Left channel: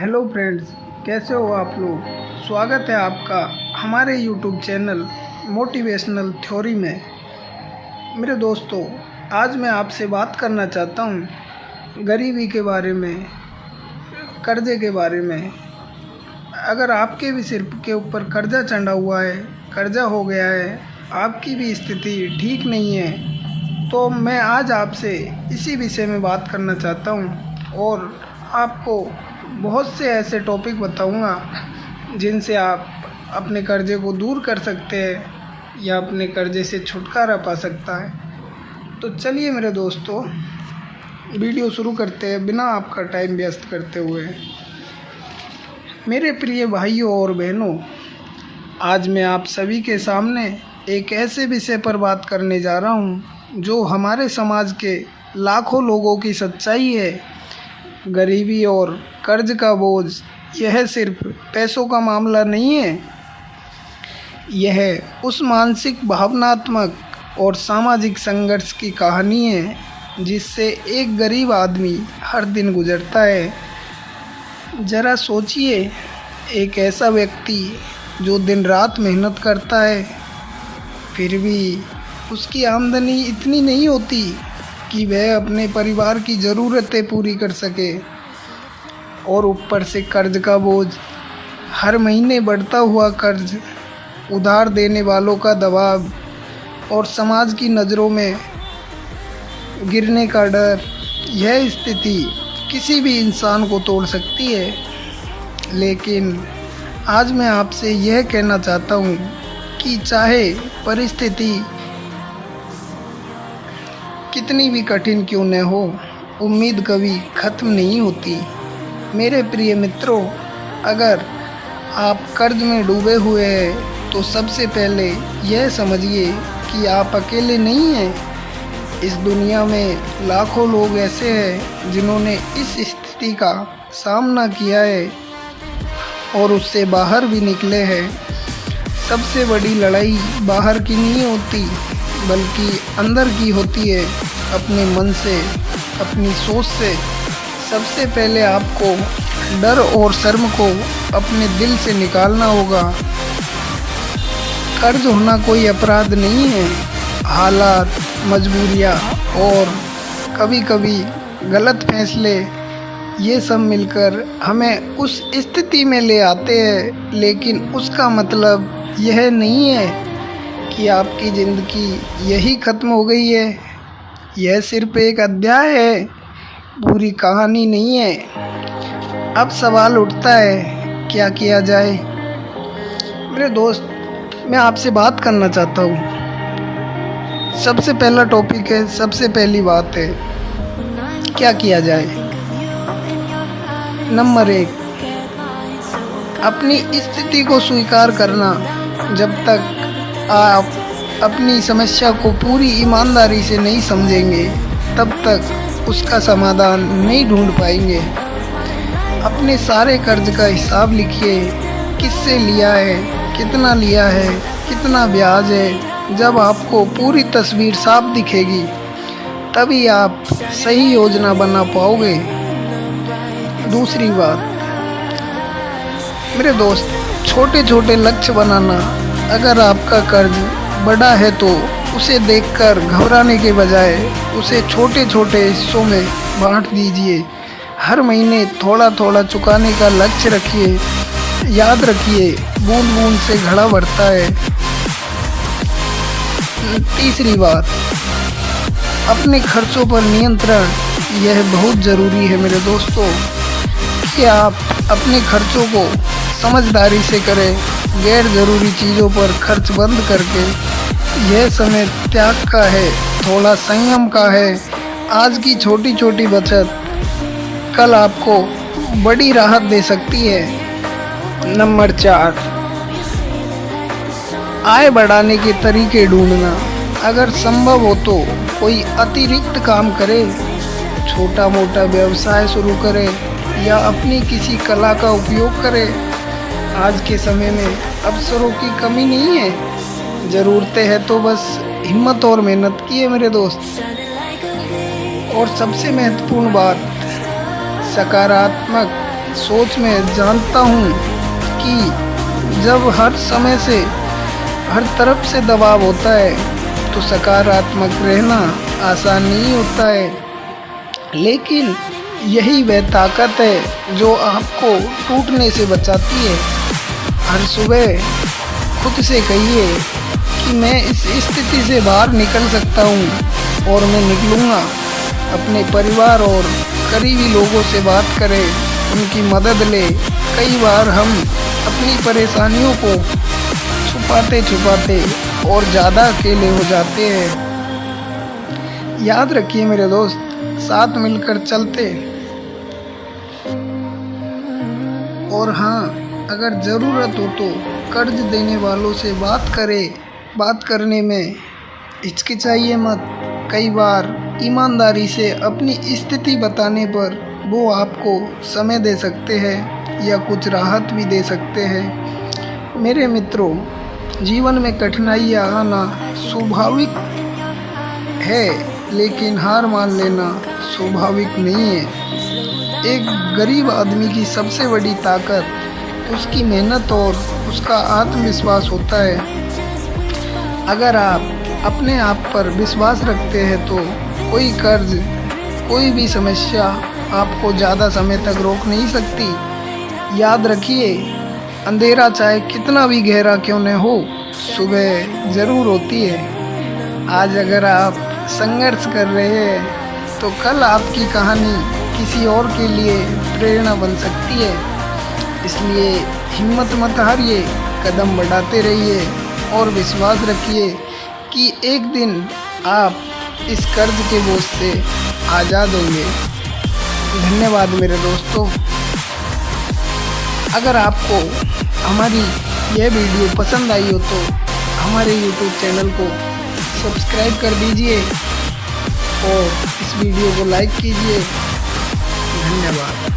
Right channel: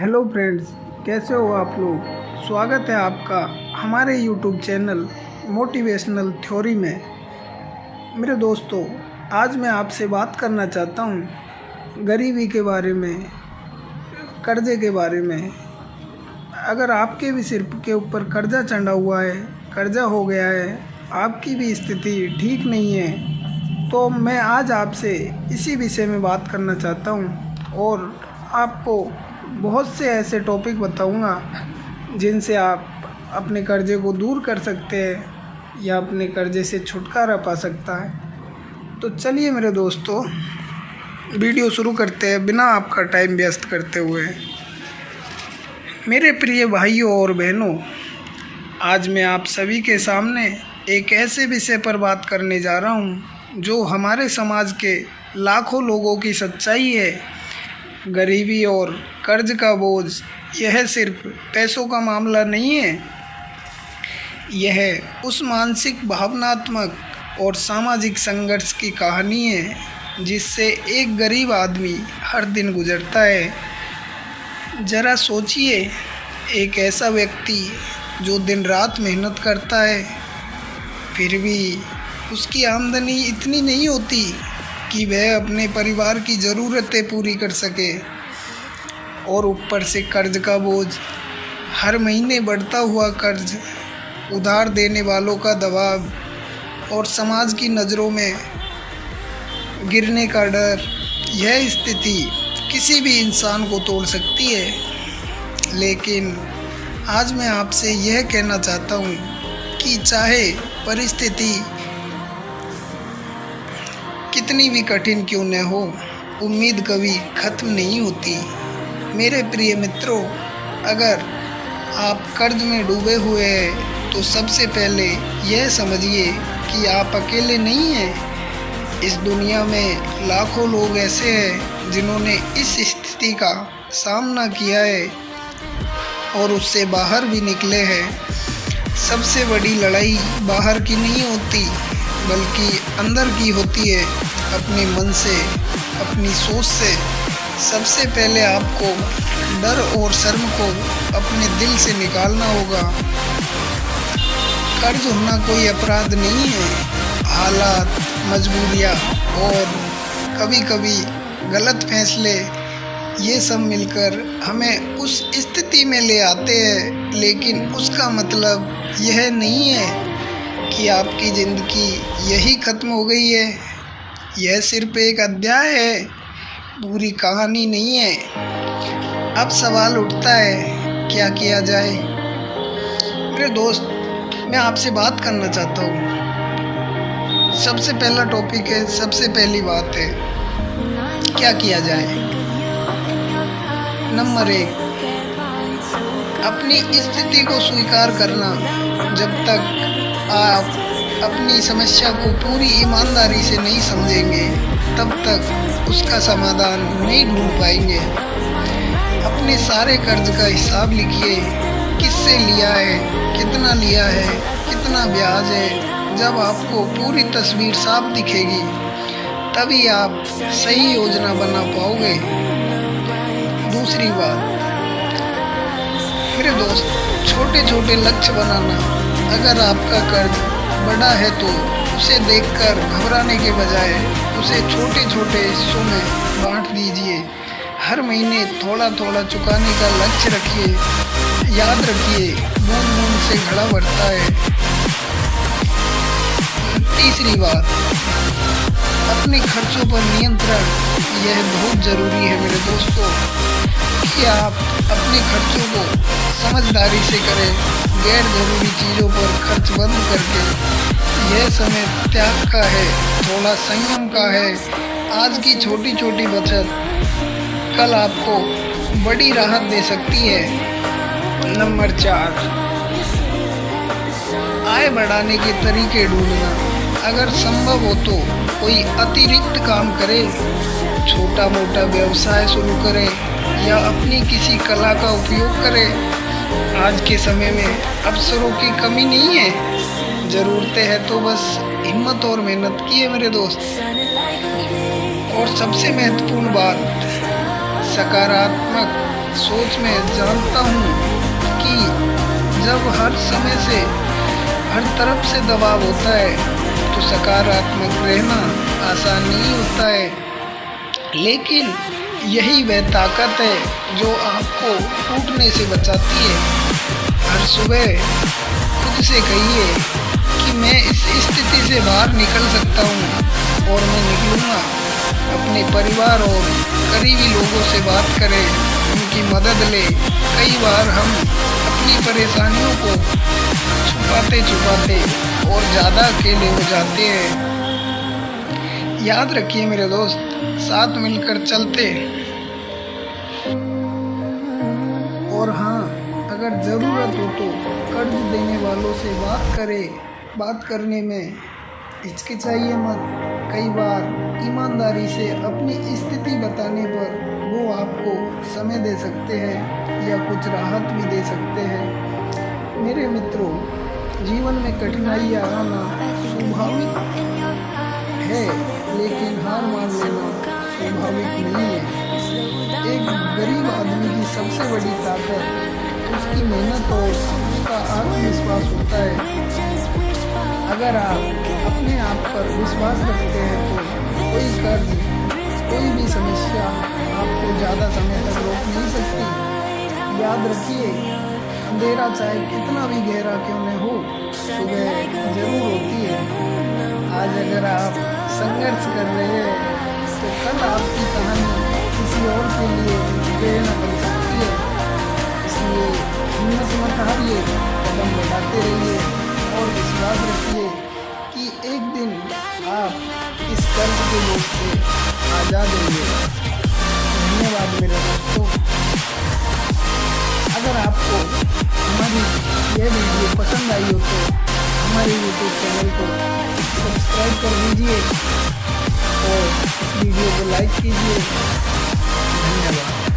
Hello friends, कैसे हो आप लोग। स्वागत है आपका हमारे यूट्यूब चैनल मोटिवेशनल थ्योरी में। मेरे दोस्तों, आज मैं आपसे बात करना चाहता हूँ गरीबी के बारे में, कर्जे के बारे में। अगर आपके भी सिर के ऊपर कर्जा चढ़ा हुआ है, कर्जा हो गया है, आपकी भी स्थिति ठीक नहीं है, तो मैं आज आपसे इसी विषय में बात करना चाहता हूँ और आपको बहुत से ऐसे टॉपिक बताऊंगा जिनसे आप अपने कर्जे को दूर कर सकते हैं या अपने कर्जे से छुटकारा पा सकता है। तो चलिए मेरे दोस्तों, वीडियो शुरू करते हैं बिना आपका टाइम व्यस्त करते हुए। मेरे प्रिय भाइयों और बहनों, आज मैं आप सभी के सामने एक ऐसे विषय पर बात करने जा रहा हूँ जो हमारे समाज के लाखों लोगों की सच्चाई है। गरीबी और कर्ज का बोझ यह सिर्फ पैसों का मामला नहीं है, यह उस मानसिक, भावनात्मक और सामाजिक संघर्ष की कहानी है जिससे एक गरीब आदमी हर दिन गुजरता है। ज़रा सोचिए, एक ऐसा व्यक्ति जो दिन रात मेहनत करता है, फिर भी उसकी आमदनी इतनी नहीं होती कि वह अपने परिवार की ज़रूरतें पूरी कर सके, और ऊपर से कर्ज का बोझ, हर महीने बढ़ता हुआ कर्ज, उधार देने वालों का दबाव और समाज की नज़रों में गिरने का डर। यह स्थिति किसी भी इंसान को तोड़ सकती है। लेकिन आज मैं आपसे यह कहना चाहता हूँ कि चाहे परिस्थिति कितनी भी कठिन क्यों न हो, उम्मीद कभी ख़त्म नहीं होती। मेरे प्रिय मित्रों, अगर आप कर्ज में डूबे हुए हैं तो सबसे पहले यह समझिए कि आप अकेले नहीं हैं। इस दुनिया में लाखों लोग ऐसे हैं जिन्होंने इस स्थिति का सामना किया है और उससे बाहर भी निकले हैं। सबसे बड़ी लड़ाई बाहर की नहीं होती बल्कि अंदर की होती है, अपने मन से, अपनी सोच से। सबसे पहले आपको डर और शर्म को अपने दिल से निकालना होगा। कर्ज होना कोई अपराध नहीं है। हालात, मजबूरियाँ और कभी कभी गलत फैसले, ये सब मिलकर हमें उस स्थिति में ले आते हैं। लेकिन उसका मतलब यह नहीं है कि आपकी ज़िंदगी यही ख़त्म हो गई है। यह सिर्फ एक अध्याय है, पूरी कहानी नहीं है। अब सवाल उठता है, क्या किया जाए। मेरे दोस्त, मैं आपसे बात करना चाहता हूँ। सबसे पहला टॉपिक है, सबसे पहली बात है, क्या किया जाए। नंबर 1, अपनी स्थिति को स्वीकार करना। जब तक आप अपनी समस्या को पूरी ईमानदारी से नहीं समझेंगे, तब तक उसका समाधान नहीं ढूंढ पाएंगे। अपने सारे कर्ज का हिसाब लिखिए, किससे लिया है, कितना लिया है, कितना ब्याज है। जब आपको पूरी तस्वीर साफ दिखेगी, तभी आप सही योजना बना पाओगे। दूसरी बात, मेरे दोस्त, छोटे छोटे लक्ष्य बनाना। अगर आपका कर्ज बड़ा है तो उसे देखकर घबराने के बजाय उसे छोटे छोटे हिस्सों में बांट दीजिए। हर महीने थोड़ा थोड़ा चुकाने का लक्ष्य रखिए। याद रखिए, बूंद बूंद से घड़ा भरता है। तीसरी बात, अपने खर्चों पर नियंत्रण। यह बहुत ज़रूरी है मेरे दोस्तों कि आप अपने खर्चों को समझदारी से करें। गैर ज़रूरी चीज़ों पर खर्च बंद करके, यह समय त्याग का है, थोड़ा संयम का है। आज की छोटी छोटी बचत कल आपको बड़ी राहत दे सकती है। नंबर 4, आय बढ़ाने के तरीके ढूंढना। अगर संभव हो तो कोई अतिरिक्त काम करें, छोटा मोटा व्यवसाय शुरू करें या अपनी किसी कला का उपयोग करें। आज के समय में अवसरों की कमी नहीं है, ज़रूरतें हैं तो बस हिम्मत और मेहनत की है मेरे दोस्त। और सबसे महत्वपूर्ण बात, सकारात्मक सोच में जानता हूँ कि जब हर समय से हर तरफ से दबाव होता है तो सकारात्मक रहना आसान नहीं होता है, लेकिन यही वह ताकत है जो आपको टूटने से बचाती है। हर सुबह खुद से कहिए कि मैं इस स्थिति से बाहर निकल सकता हूँ और मैं निकलूँगा। अपने परिवार और करीबी लोगों से बात करें, उनकी मदद लें। कई बार हम अपनी परेशानियों को छुपाते छुपाते और ज़्यादा अकेले हो जाते हैं। याद रखिए मेरे दोस्त, साथ मिलकर चलते। और हाँ, अगर ज़रूरत हो तो कर्ज देने वालों से बात करें। बात करने में हिचकिचाइए मत। कई बार ईमानदारी से अपनी स्थिति बताने पर वो आपको समय दे सकते हैं या कुछ राहत भी दे सकते हैं। मेरे मित्रों, जीवन में कठिनाइयाँ आना स्वाभाविक है, लेकिन हार मान लेना स्वाभाविक नहीं है। एक गरीब आदमी की सबसे बड़ी ताकत उसकी मेहनत और उसका आत्मविश्वास होता है। अगर आप अपने आप पर विश्वास रखते हैं तो कोई कर्ज, कोई भी समस्या आपको ज़्यादा समय तक रोक नहीं सकती। याद रखिए, अंधेरा चाहे कितना भी गहरा क्यों न हो, सुबह ज़रूर होती है। आज अगर आप संघर्ष कर रहे हैं तो कल आपकी कहानी किसी और के लिए प्रेरणा बन सकती है। इसलिए हिम्मत मत हारिए, कदम बढ़ाते रहिए और विश्वास रखिए कि एक दिन आप इस कर्ज के बोझ से आज़ाद होंगे। धन्यवाद मेरे दोस्तों। अगर आपको हमारी यह वीडियो पसंद आई हो तो हमारे YouTube चैनल को सब्सक्राइब कर दीजिए और इस वीडियो को लाइक कीजिए। धन्यवाद।